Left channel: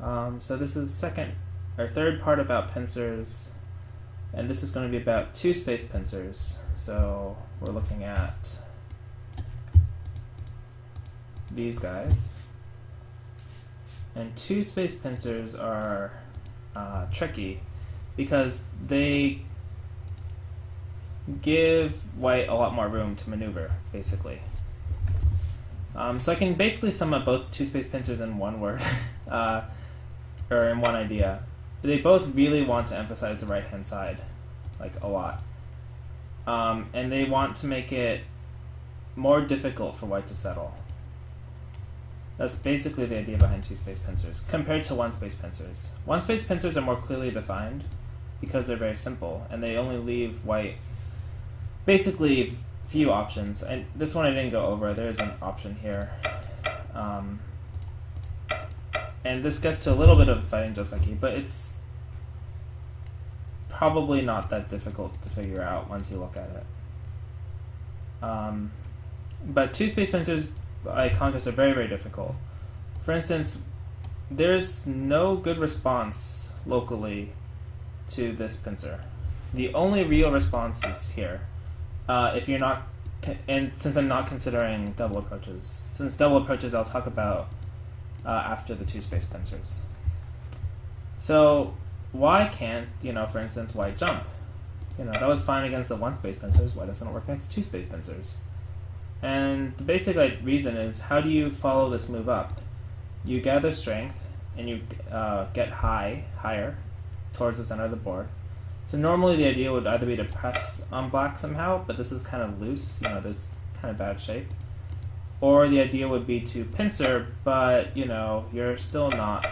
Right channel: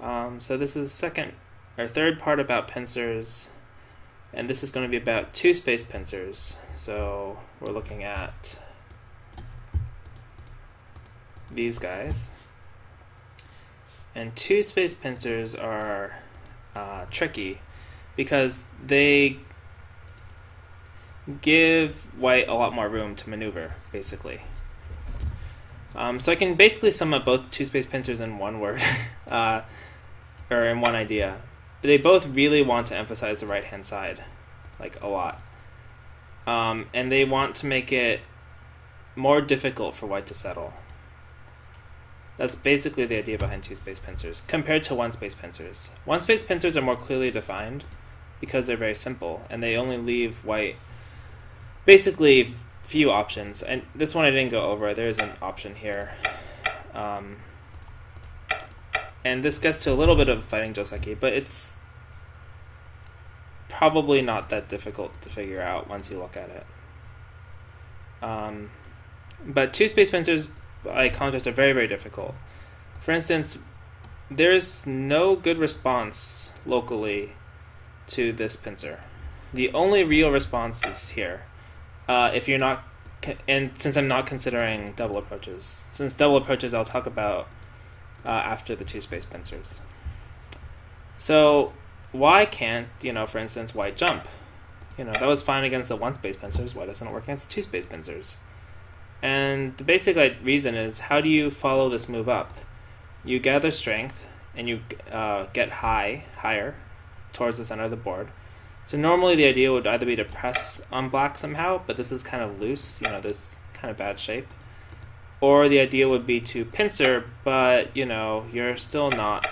So this is third part about pincers, and this is going to be about two-space pincers. So we're looking at these guys, and two-space pincers are tricky because they give white a lot more room to maneuver, basically. So I can basically sum up both two-space pincers in one word, or in one idea. They both really want to emphasize the right-hand side, like a lot. And they want to make it more difficult for white to settle. That's basically the idea behind two-space pincers, compared to one-space pincers. One-space pincers are more clearly defined because they're very simple, and they only leave white basically few options. And this one I didn't go over. There's an option here. And this gets to a little bit of fighting joseki, but it's probably not that difficult to figure out once you look at it. But two-space pincers, by contrast, are very, very difficult. For instance, there's no good response locally to this pincer. The only real response is here. If you're not, and since I'm not considering double approaches, since double approaches I'll talk about after the two-space pincers. So why can't, for instance, white jump? That was fine against the one-space pincers. Why doesn't it work against the two-space pincers? And the basic reason is, how do you follow this move up? You gather strength and you get higher towards the center of the board. So normally the idea would either be to press on black somehow, but this is kind of loose, there's kind of bad shape. Or the idea would be to pincer, but you're still not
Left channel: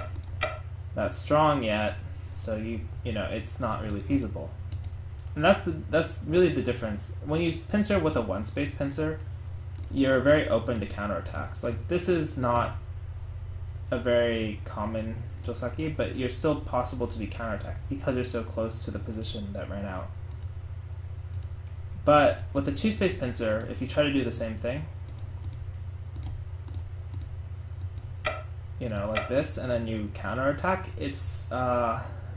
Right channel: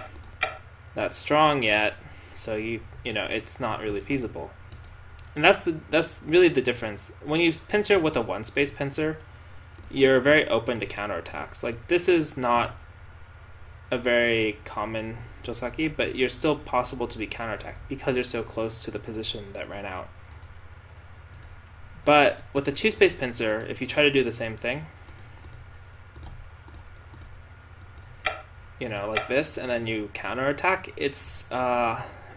that strong yet, so it's not really feasible. And that's really the difference. When you pincer with a one-space pincer, you're very open to counterattacks. Like, this is not a very common joseki, but you're still possible to be counterattacked because you're so close to the position that ran out. But with the two-space pincer, if you try to do the same thing, like this, and then you counterattack, it's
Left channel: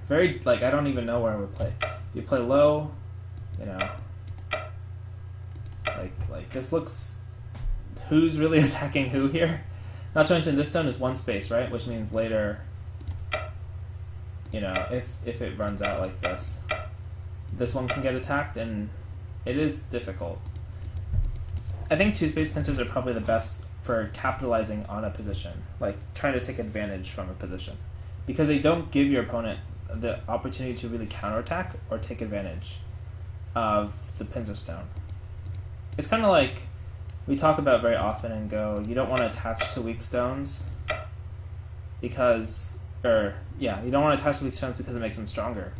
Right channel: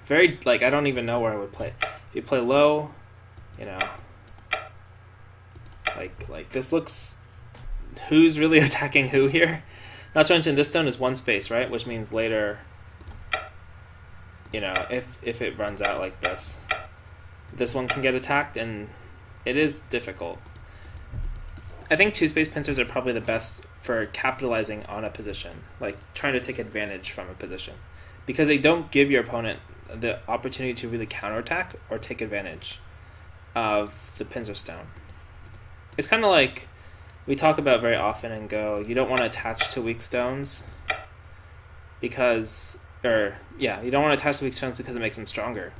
very, I don't even know where I would play. If you play low, like this looks, who's really attacking who here? Not to mention this stone is one space, right? Which means later, if it runs out like this one can get attacked, and it is difficult. I think two-space pincers are probably the best for capitalizing on a position, like trying to take advantage from a position, because they don't give your opponent the opportunity to really counterattack or take advantage of the pincer stone. It's kind of like we talk about very often in Go, you don't want to attach to weak stones because it makes them stronger.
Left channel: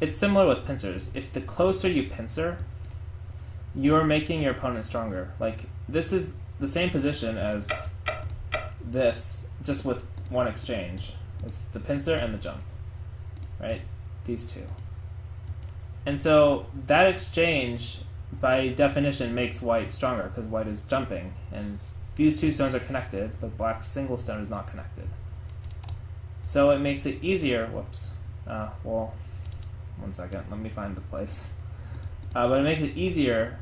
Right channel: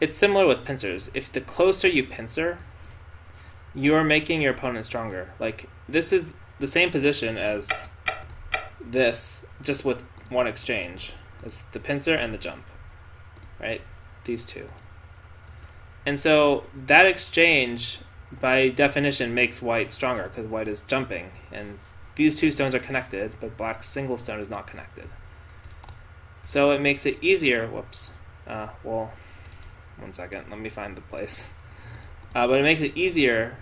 It's similar with pincers. If the closer you pincer, you're making your opponent stronger. Like, this is the same position as this, just with one exchange. It's the pincer and the jump, right? These two. And so that exchange, by definition, makes white stronger because white is jumping, and these two stones are connected, but black's single stone is not connected. So it makes it easier. Whoops. Well, one second. Let me find the place. But it makes it easier.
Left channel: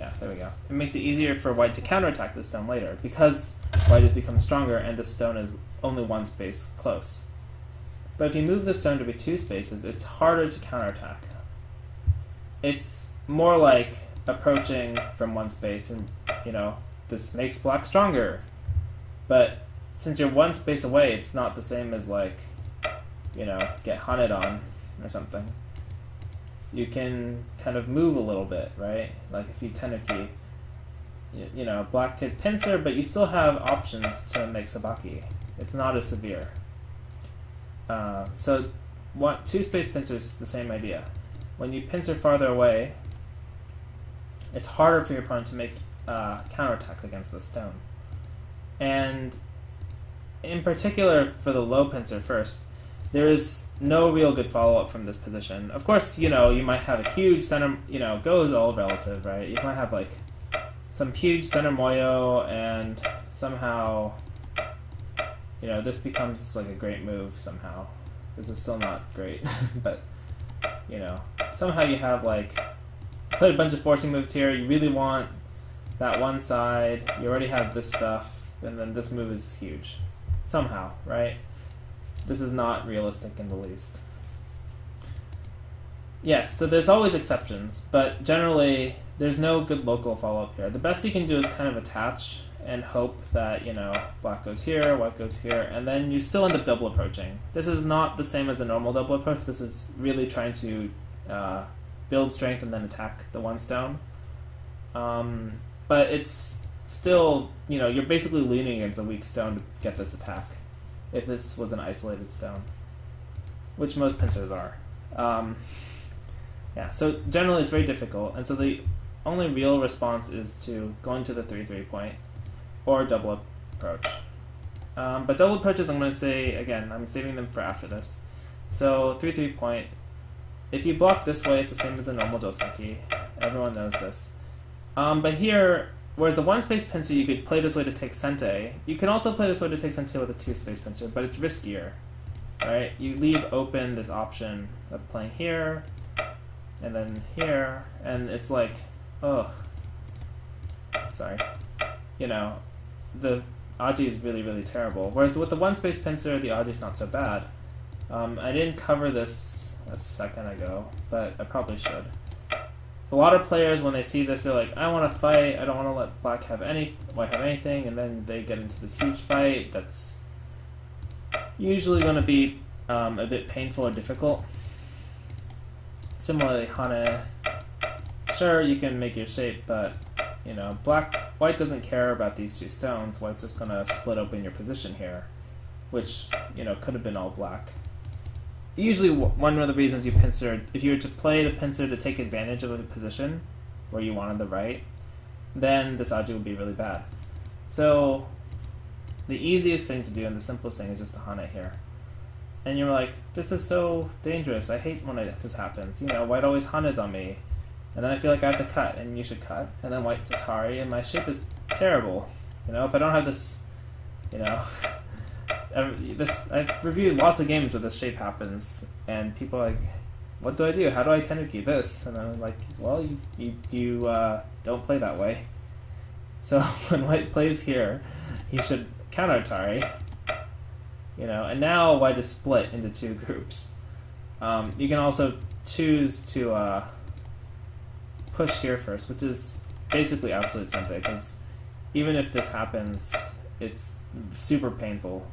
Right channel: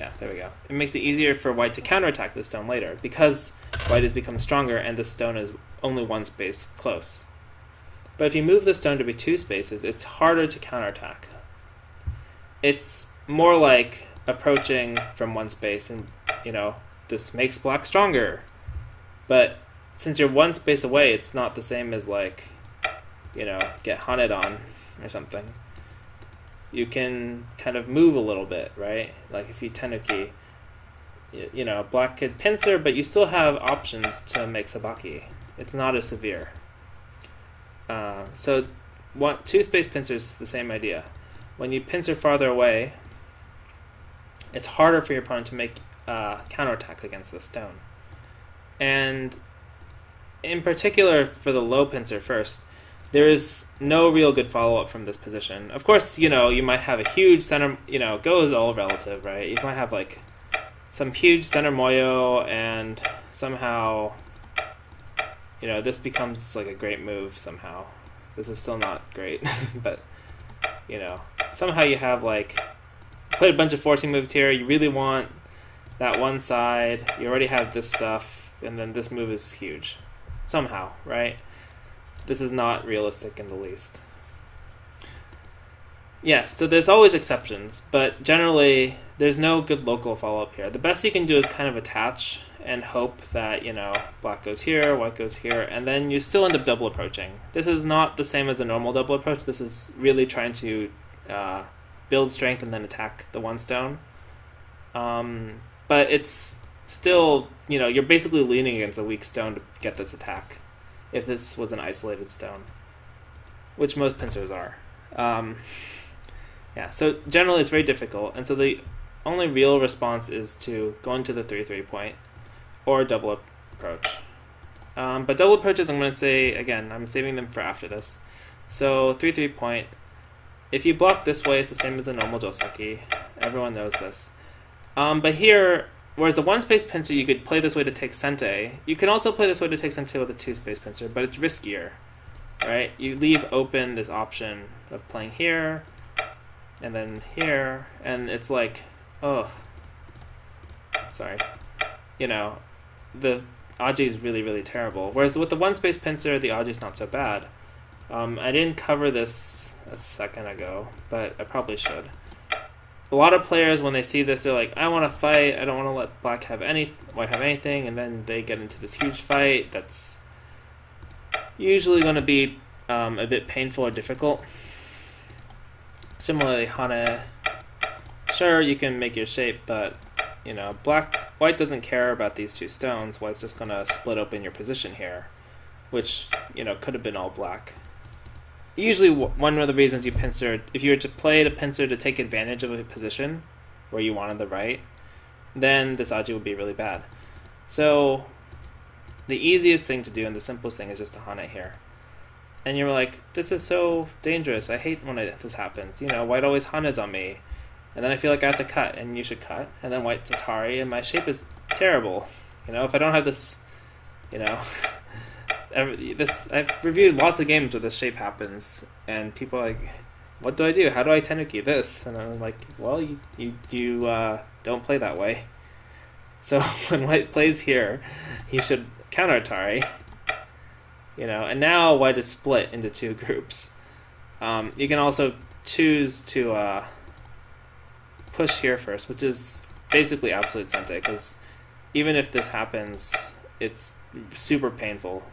Yeah, there we go. It makes it easier for white to counterattack the stone later because white has become stronger and the stone is only one space close. But if you move the stone to be two spaces, it's harder to counterattack. It's more like approaching from one space, and this makes black stronger. But since you're one space away, it's not the same as get hunted on or something. You can kind of move a little bit, right? Like if you tenuki, black could pincer, but you still have options to make sabaki. It's not as severe. So two-space pincers, the same idea. When you pincer farther away, it's harder for your opponent to make counterattacks against the stone. And in particular, for the low pincer first, there is no real good follow-up from this position. Of course, you might have a huge center, Go is all relative, right? You might have some huge center moyo and somehow this becomes like a great move somehow. This is still not great, but somehow you have like played a bunch of forcing moves here. You really want that one side. You already have this stuff, and then this move is huge somehow, right? This is not realistic in the least. Yes, so there's always exceptions, but generally there's no good local follow-up here. The best you can do is kind of attach and hope that, black goes here, white goes here, and then you still end up double approaching. This is not the same as a normal double approach. This is really trying to build strength and then attack the one stone. But it's still, you're basically leaning against a weak stone to get this attack, if this was an isolated stone, which most pincers are. Yeah, so generally it's very difficult, and so the only real response is to go into the 3-3 point or double approach. But double approaches, I'm going to say, again, I'm saving them for after this. So 3-3 point, if you block this way, it's the same as a normal joseki. Everyone knows this. But here, whereas the one-space pincer, you could play this way to take sente. You can also play this way to take sente with a two-space pincer, but it's riskier, right? You leave open this option of playing here, and then here, and it's like, oh, sorry, the aji is really, really terrible. Whereas with the one-space pincer, the aji is not so bad. I didn't cover this a second ago, but I probably should. A lot of players, when they see this, they're like, I want to fight, I don't want to let white have anything, and then they get into this huge fight that's usually going to be a bit painful or difficult. Similarly, Hane, sure, you can make your shape, but, white doesn't care about these two stones. White's just going to split open your position here, which, could have been all black. Usually, one of the reasons you pincer, if you were to play the pincer to take advantage of a position where you wanted the right, then this aji would be really bad. So, the easiest thing to do and the simplest thing is just to Hane here. And you're like, this is so dangerous. I hate when this happens. White always Hanes on me. And then I feel like I have to cut, and you should cut. And then white's Atari, and my shape is terrible. If I don't have this, I've reviewed lots of games where this shape happens, and people are like, what do I do? How do I tenuki this? And I'm like, well, you don't play that way. So when white plays here, he should counter Atari. And now white is split into two groups. You can also choose to push here first, which is basically absolute sente, because even if this happens, it's super painful.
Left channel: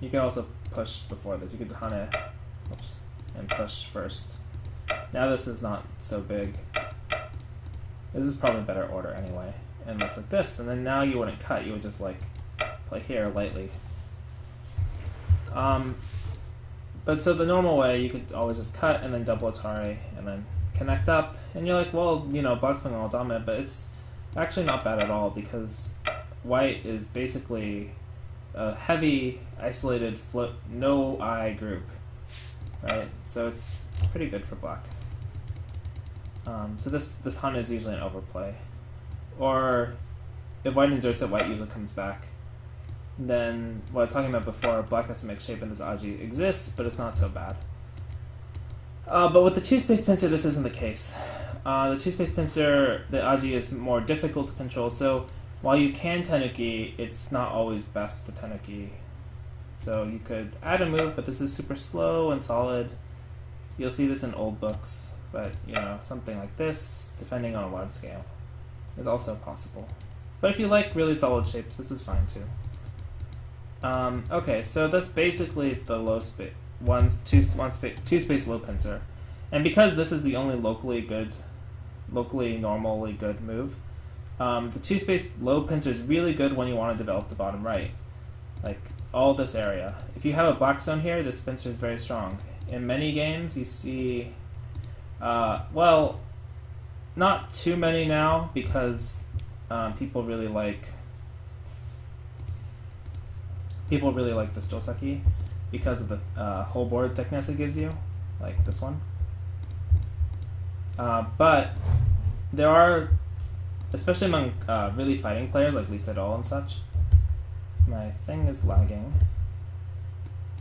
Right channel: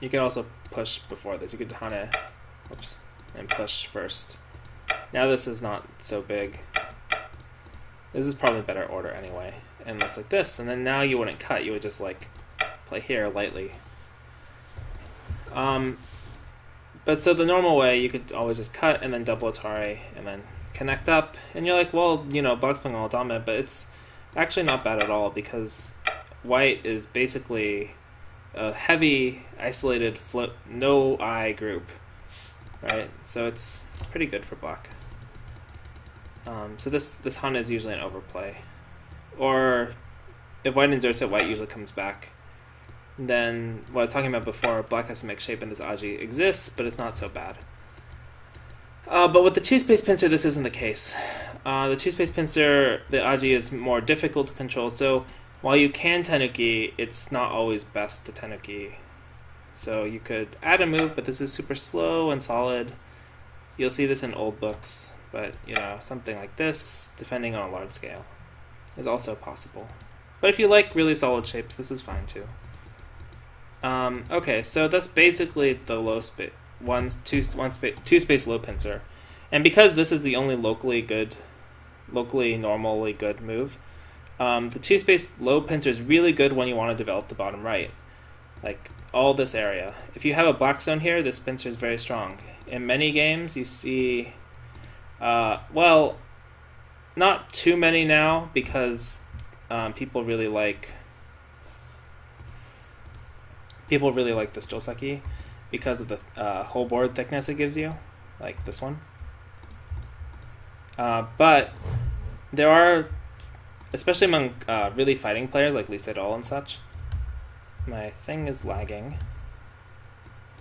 You can also push before this. You could Hane, and push first. Now this is not so big. This is probably better order anyway. And it's like this, and then now you wouldn't cut, you would just like play here lightly. But so the normal way, you could always just cut and then double Atari and then connect up, and you're like, well, black's playing all dame, but it's actually not bad at all, because white is basically a heavy, isolated, no eye group, right? So it's pretty good for black. So this Hane is usually an overplay. Or if white inserts it, white usually comes back. Then what I was talking about before, black has to make shape and this aji exists, but it's not so bad. But with the two-space pincer, this isn't the case. The two-space pincer, the aji is more difficult to control, so while you can tenuki, it's not always best to tenuki. So you could add a move, but this is super slow and solid. You'll see this in old books, but something like this, defending on a large scale, is also possible. But if you like really solid shapes, this is fine too. Okay, so that's basically the low space, two-space low pincer. And because this is the only locally normally good move, the two-space low pincer is really good when you want to develop the bottom right. Like all this area. If you have a black stone here, this pincer is very strong. In many games, you see, well, not too many now, because people really like this joseki because of the whole board thickness it gives you, like this one. But there are especially among really fighting players like Lisa Doll and such. My thing is lagging.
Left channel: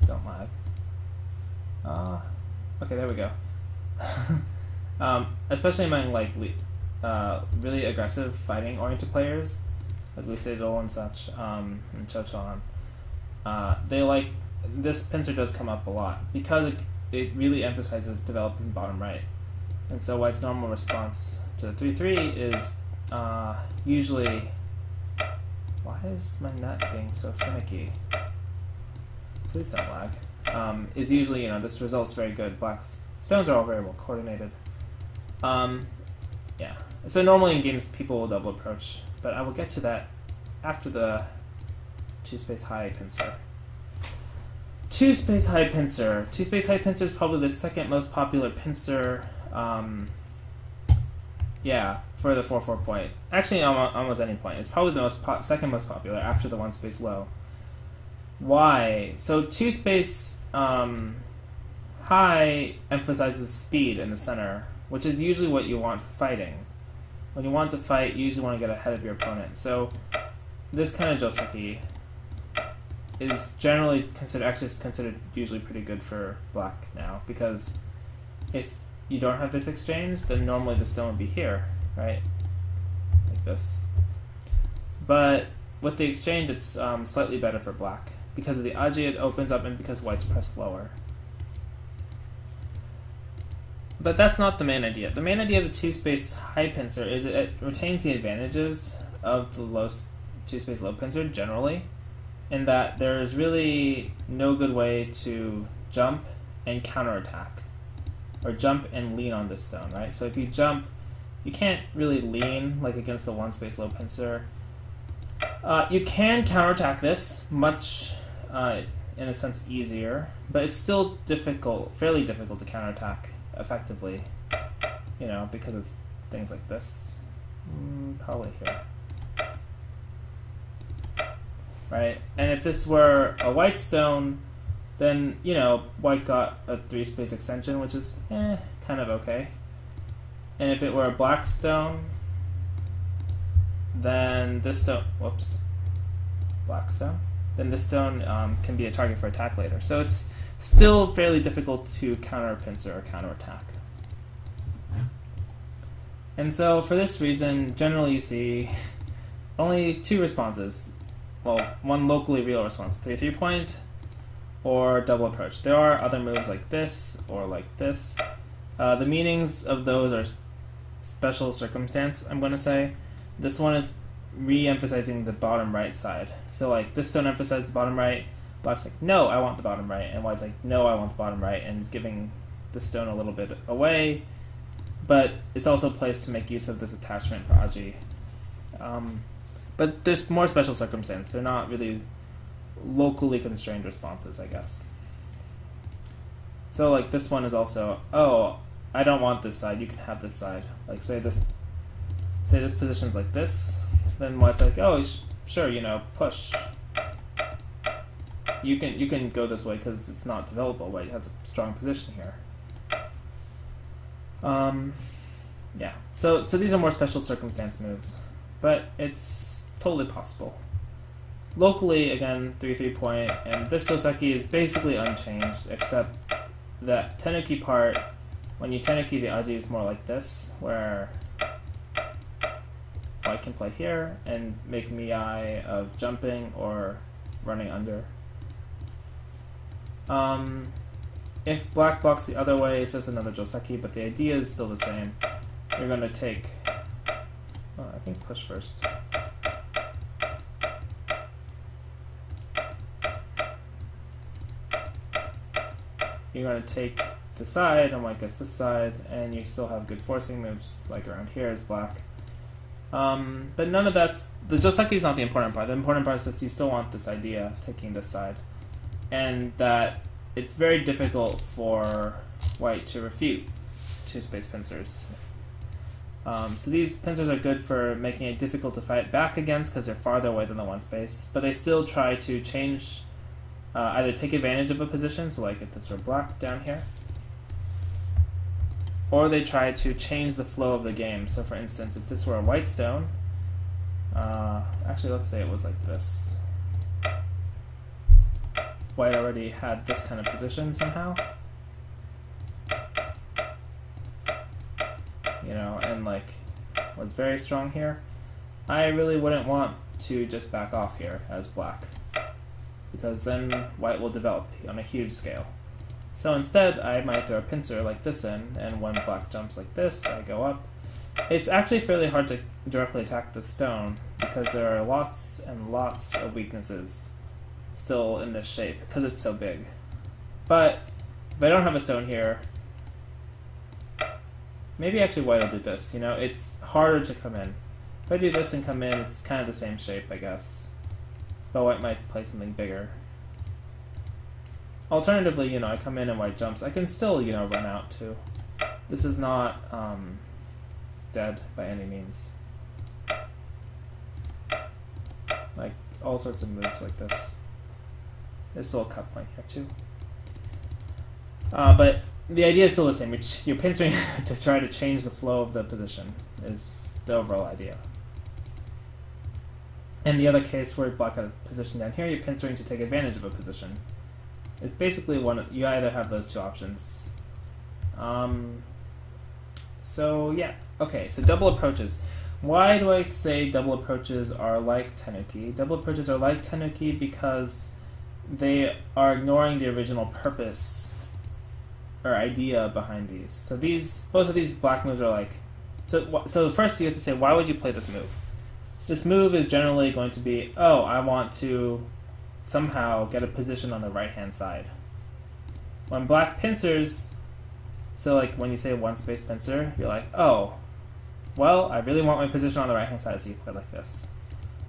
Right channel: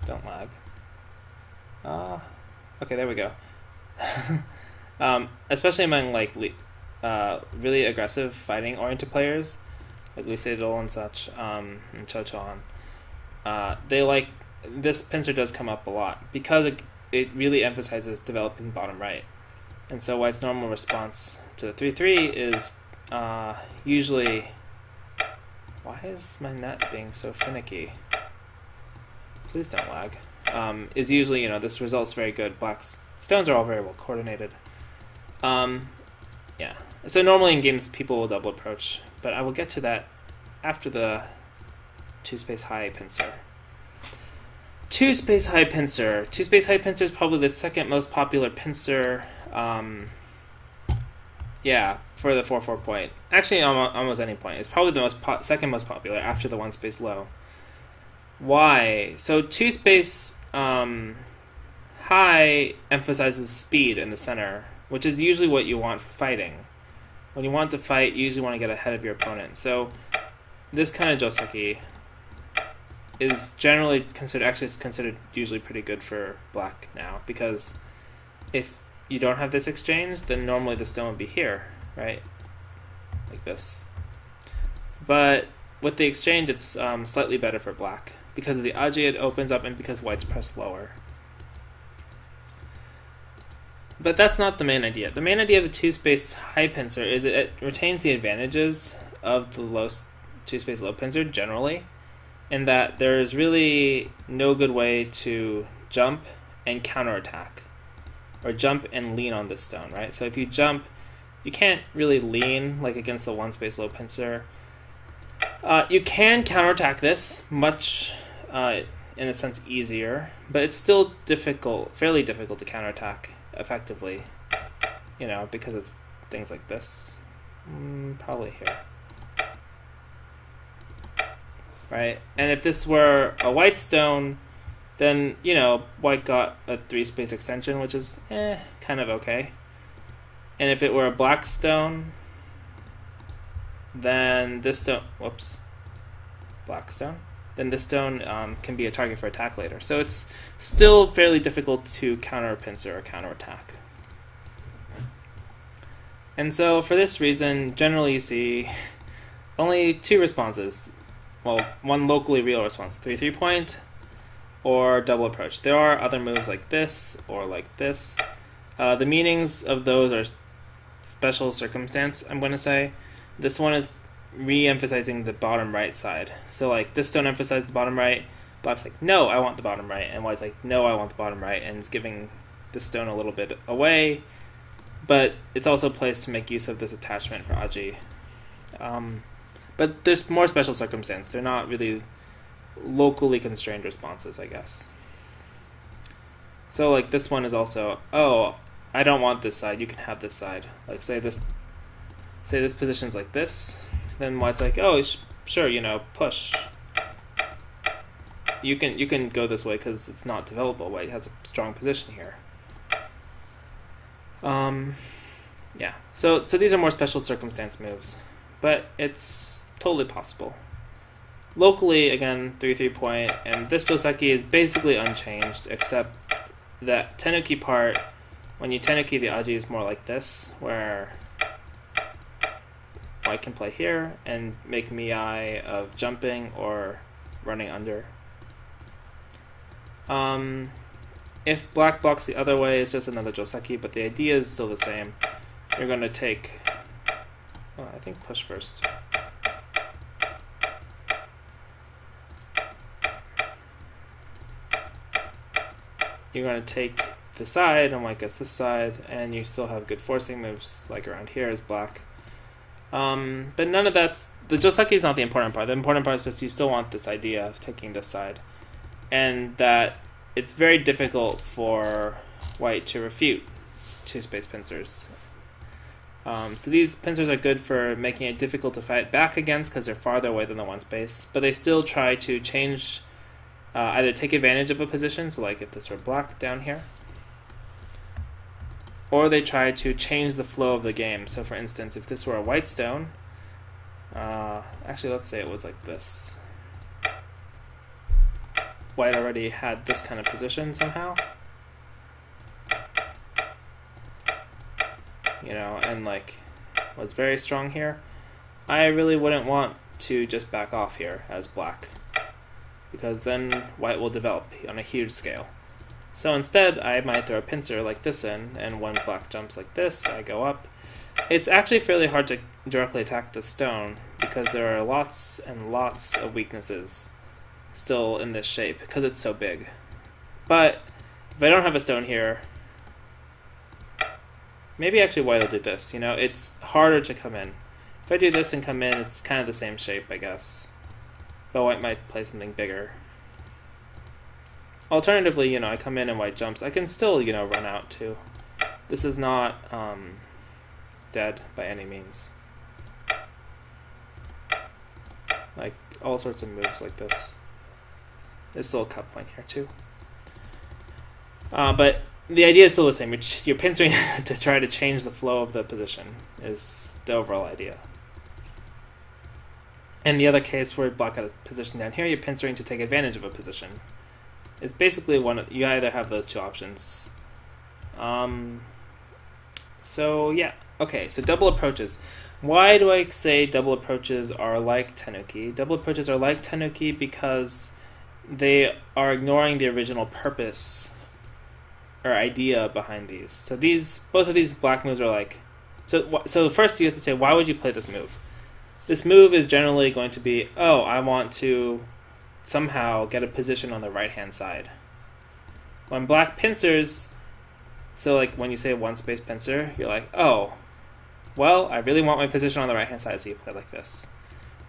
Don't lag. Okay, there we go. Especially among like really aggressive fighting-oriented players, like Lisa Doll and such, and Cho Chon. They like this pincer does come up a lot because it really emphasizes developing bottom right, and so White's normal response to the 3-3 is usually. Why is my net being so finicky? Please don't lag. Is usually, this result's very good. Black's stones are all very well coordinated. Yeah. So normally in games people will double approach, but I will get to that after the 2-space high pincer. 2-space high pincer. 2-space high pincer is probably the second most popular pincer. Yeah, for the 4-4 point. Actually, almost any point. It's probably the second most popular after the 1-space low. Why? So 2-space high emphasizes speed in the center, which is usually what you want for fighting. When you want to fight, you usually want to get ahead of your opponent. So this kind of joseki is generally considered usually pretty good for black now, because if you don't have this exchange, then normally the stone would be here, right? Like this. But with the exchange, it's slightly better for black. Because of the aji, it opens up, and because white's pressed lower. But that's not the main idea. The main idea of the 2-space high pincer is it retains the advantages of the low 2-space low pincer generally, in that there is really no good way to jump and counterattack, or jump and lean on this stone, right? So if you jump, you can't really lean like against the 1-space low pincer. You can counterattack this much, in a sense, easier, but it's still fairly difficult to counterattack effectively, because it's things like this. Probably here. Right? And if this were a white stone, then, white got a 3-space extension, which is, kind of okay. And if it were a black stone, then this stone, black stone, then this stone can be a target for attack later. So it's still fairly difficult to counter pincer or counterattack. And so for this reason, generally you see only two responses. Well, one locally real response, 3-3 point, or double approach. There are other moves like this or like this. The meanings of those are special circumstance, I'm going to say. This one is re-emphasizing the bottom right side. So like this stone emphasizes the bottom right, black's like, no, I want the bottom right, and white's like, no, I want the bottom right, and it's giving the stone a little bit away, but it's also placed to make use of this attachment for aji. But there's more special circumstance. They're not really locally constrained responses, I guess. So like this one is also, oh, I don't want this side, you can have this side. Like say this position's like this, then white's like, oh, sure, push. You can go this way because it's not developable. White has a strong position here. Yeah. So these are more special circumstance moves, but it's totally possible. Locally, again, 3-3 point, and this joseki is basically unchanged, except that tenuki part, when you tenuki, the aji is more like this, where white can play here and make miai of jumping or running under. If black blocks the other way, it's just another joseki, but the idea is still the same. You're going to take, I think push first. You're going to take the side, and white gets this side, and you still have good forcing moves like around here as black. But none of that's, the joseki is not the important part. The important part is just you still want this idea of taking this side, and that it's very difficult for white to refute 2-space pincers. So these pincers are good for making it difficult to fight back against because they're farther away than the 1-space, but they still try to change, either take advantage of a position, so like if this were black down here, or they try to change the flow of the game. So for instance, if this were a white stone, Actually, let's say it was like this. White already had this kind of position somehow. You know, and like was very strong here. I really wouldn't want to just back off here as black, because then white will develop on a huge scale. So instead, I might throw a pincer like this in, and when black jumps like this, I go up. It's actually fairly hard to directly attack the stone, because there are lots and lots of weaknesses still in this shape, because it's so big. But if I don't have a stone here, maybe actually white will do this. You know, it's harder to come in. If I do this and come in, it's kind of the same shape, I guess. But white might play something bigger. Alternatively, you know, I come in and white jumps. I can still, you know, run out too. This is not dead by any means. Like all sorts of moves like this. There's still a cut point here too. But the idea is still the same. You're pincering to try to change the flow of the position is the overall idea. In the other case where black had a position down here, you're pincering to take advantage of a position. It's basically you either have those two options. So yeah, okay, so double approaches. Why do I say double approaches are like tenuki? Double approaches are like tenuki because they are ignoring the original purpose or idea behind these. So both of these black moves are like, so first you have to say, why would you play this move? This move is generally going to be, oh, I want to somehow get a position on the right-hand side. When black pincers, so like when you say one space pincer, you're like, oh, well, I really want my position on the right-hand side, so you play like this.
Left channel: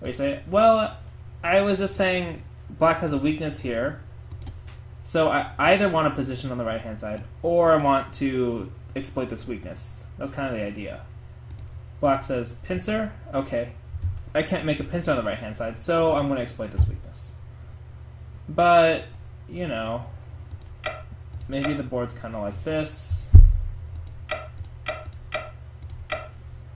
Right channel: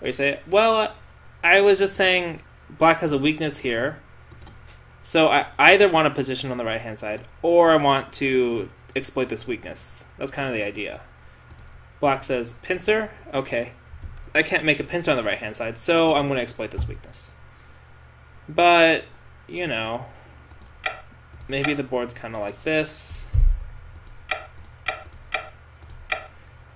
Or you say, well, I was just saying black has a weakness here, so I either want a position on the right-hand side, or I want to exploit this weakness. That's kind of the idea. Black says, pincer, okay, I can't make a pincer on the right-hand side, so I'm going to exploit this weakness. But, you know, maybe the board's kind of like this.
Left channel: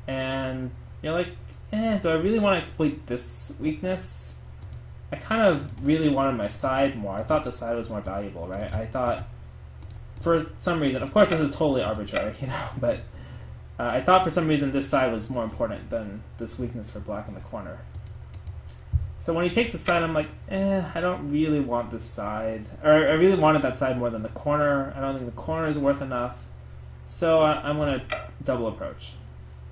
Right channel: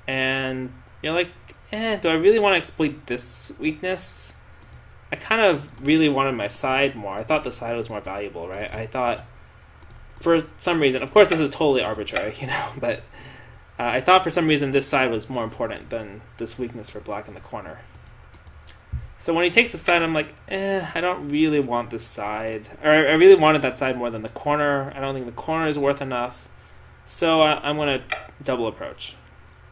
And you're like, do I really want to exploit this weakness? I kind of really wanted my side more. I thought the side was more valuable, right? I thought, for some reason, of course this is totally arbitrary, you know, but I thought for some reason this side was more important than this weakness for black in the corner. So when he takes the side, I'm like, I don't really want this side. Or I really wanted that side more than the corner. I don't think the corner is worth enough. So I'm going to double approach.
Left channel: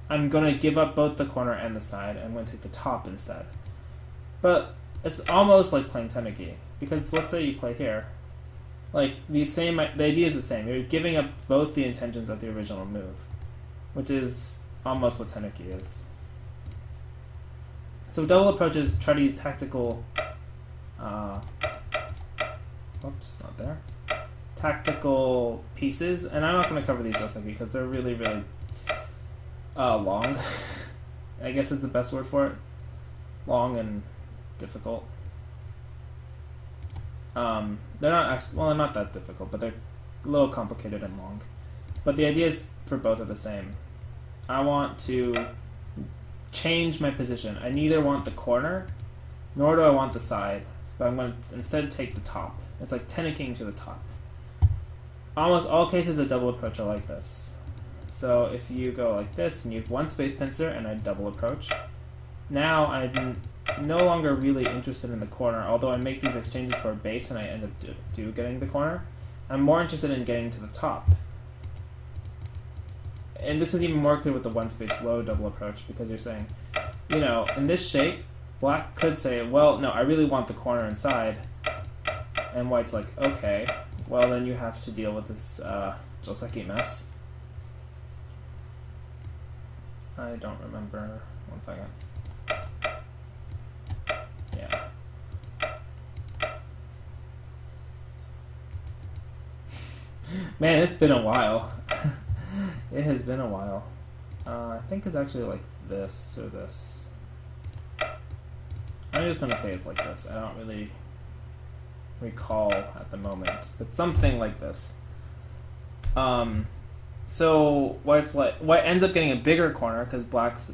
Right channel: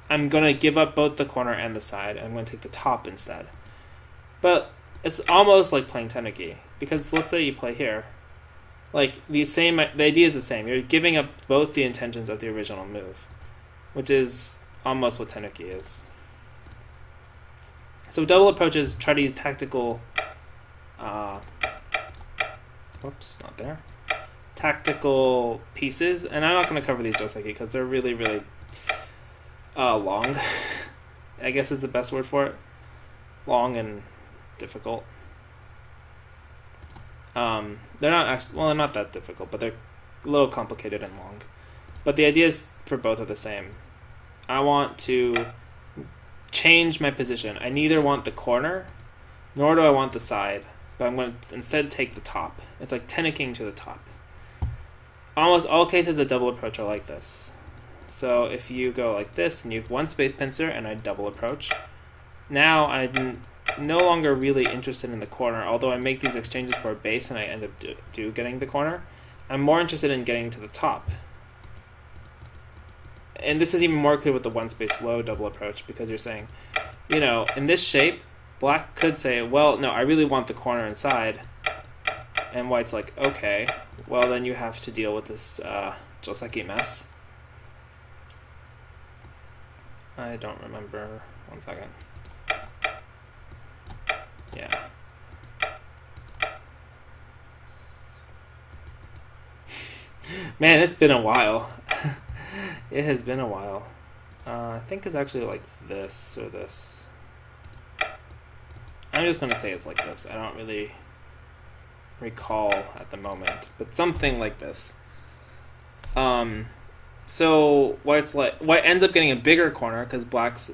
I'm going to give up both the corner and the side. I'm going to take the top instead. But it's almost like playing tenuki. Because let's say you play here. Like, the idea is the same. You're giving up both the intentions of the original move. Which is almost what tenuki is. So double approaches try to use tactical, not there, tactical pieces, and I'm not going to cover these joseki because they're really, really long, I guess is the best word for it, long and difficult. They're not actually, well, they're not that difficult, but they're a little complicated and long. But the ideas for both are the same. I want to change my position. I neither want the corner, nor do I want the side, but I'm going to instead take the top. It's like tenuking to the top. Almost all cases of double approach are like this. So if you go like this, and you have one space pincer, and I double approach, now I'm no longer really interested in the corner, although I make these exchanges for a base and I end up getting the corner. I'm more interested in getting to the top. And this is even more clear with the one space low double approach, because you're saying, you know, in this shape, black could say, well, no, I really want the corner inside. And white's like, okay, well, then you have to deal with this joseki mess. I don't remember. 1 second. Yeah. Man, it's been a while. It has been a while. I think it's actually like this or this. I'm just going to say it's like this. I don't really recall at the moment, but something like this. So white ends up getting a bigger corner because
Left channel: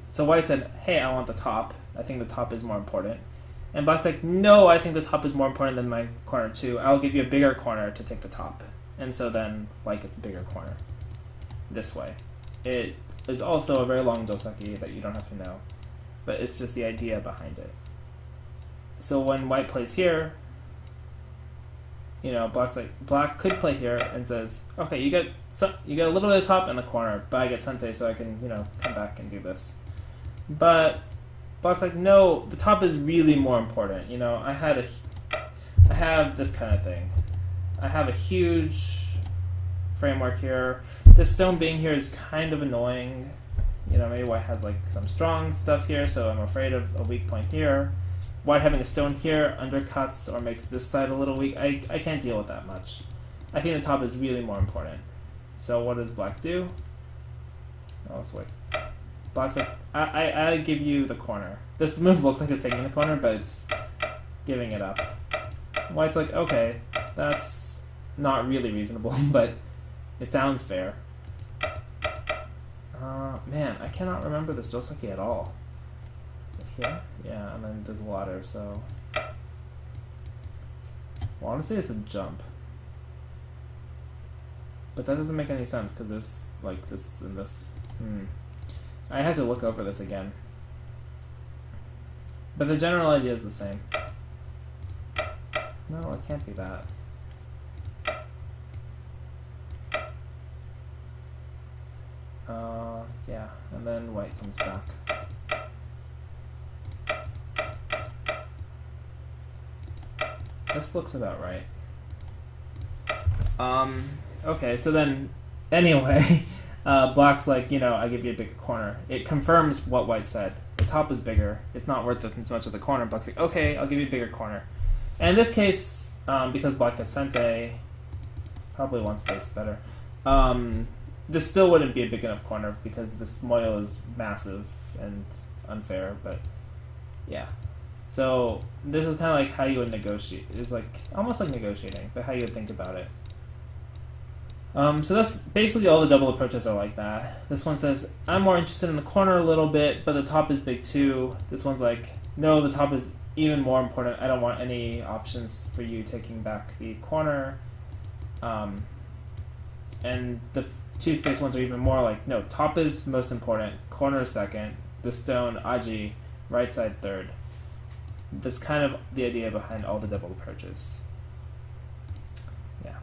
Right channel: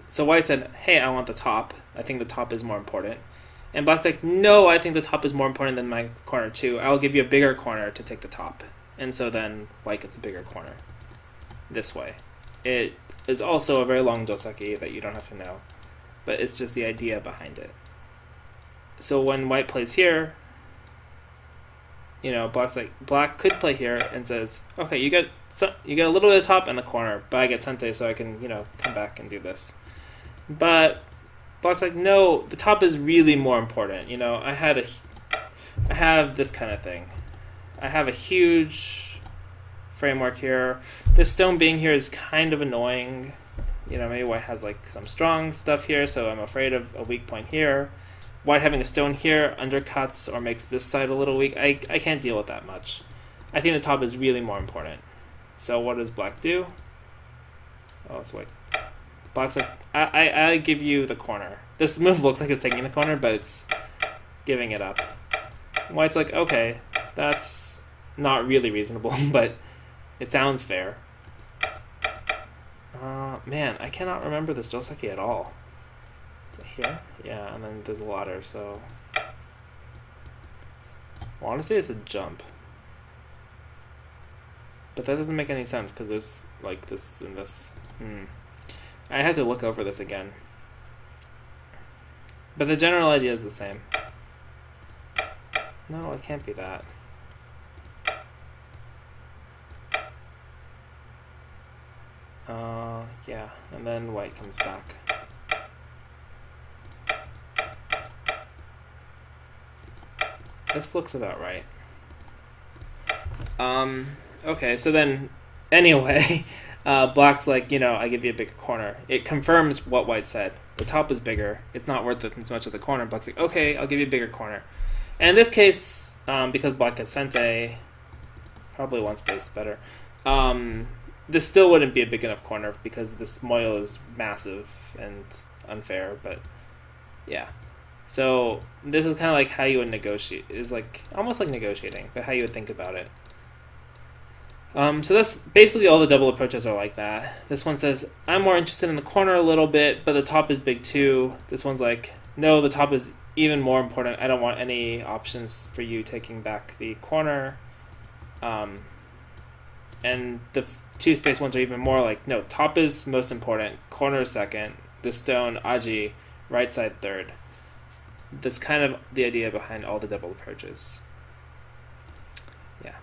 so white said, hey, I want the top. I think the top is more important. And black's like, no, I think the top is more important than my corner too. I'll give you a bigger corner to take the top. And so then white gets a bigger corner. This way. It is also a very long joseki that you don't have to know. But it's just the idea behind it. So when white plays here, you know, black could play here and says, okay, you get a little bit of top and the corner, but I get sente, so I can, you know, come back and do this. But black's like, no, the top is really more important. You know, I have this kind of thing. I have a huge framework here. This stone being here is kind of annoying. You know, maybe white has like some strong stuff here, so I'm afraid of a weak point here. White having a stone here undercuts or makes this side a little weak. I can't deal with that much. I think the top is really more important. So what does black do? Oh, it's white. Black's like, I give you the corner. This move looks like it's taking the corner, but it's giving it up. White's like, okay, that's not really reasonable, but it sounds fair. Man, I cannot remember this joseki at all. Is it here? Yeah, and then there's a ladder, so... I want to say it's a jump. But that doesn't make any sense, because there's, like, this and this. I have to look over this again. But the general idea is the same. No, it can't be that. Yeah, and then white comes back. This looks about right. Okay, so then, anyway, black's like, you know, I give you a bigger corner. It confirms what white said. The top is bigger. It's not worth it as much of the corner. Black's like, okay, I'll give you a bigger corner. And in this case, because black gets sente, probably one space better, this still wouldn't be a big enough corner because this moyo is massive and unfair, but yeah. So this is kind of like how you would negotiate. It's like almost like negotiating, but how you would think about it. So that's basically all the double approaches are like that. This one says, I'm more interested in the corner a little bit, but the top is big too. This one's like, no, the top is even more important. I don't want any options for you taking back the corner. And the two space ones are even more like, no, top is most important, corner second, the stone, aji, right side third. That's kind of the idea behind all the double approaches. Yeah.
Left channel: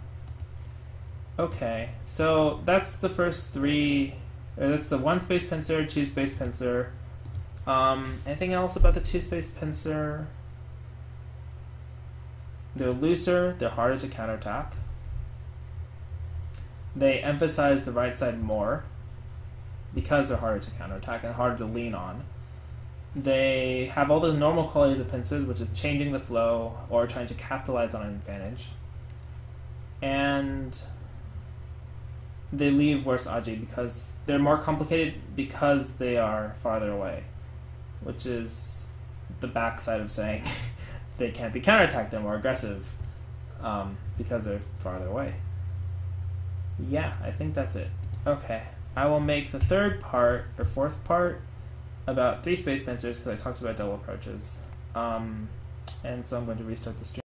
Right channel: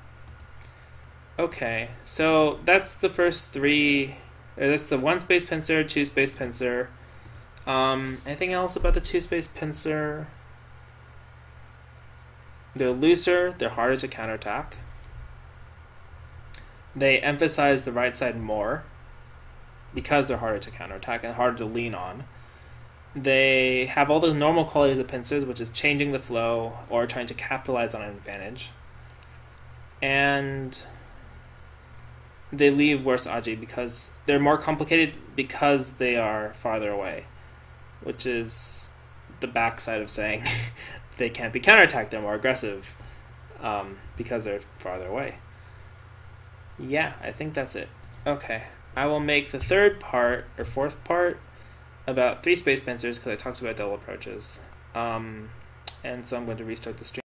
Okay, so that's the first three. That's the one space pincer, two space pincer. Anything else about the two space pincer? They're looser, they're harder to counterattack. They emphasize the right side more because they're harder to counterattack and harder to lean on. They have all the normal qualities of pincers, which is changing the flow or trying to capitalize on an advantage. And they leave worse aji because they're more complicated because they are farther away, which is the backside of saying they can't be counterattacked, they're more aggressive because they're farther away. Yeah, I think that's it. Okay, I will make the third part, or fourth part, about three space pincers because I talked about double approaches. And so I'm going to restart the stream.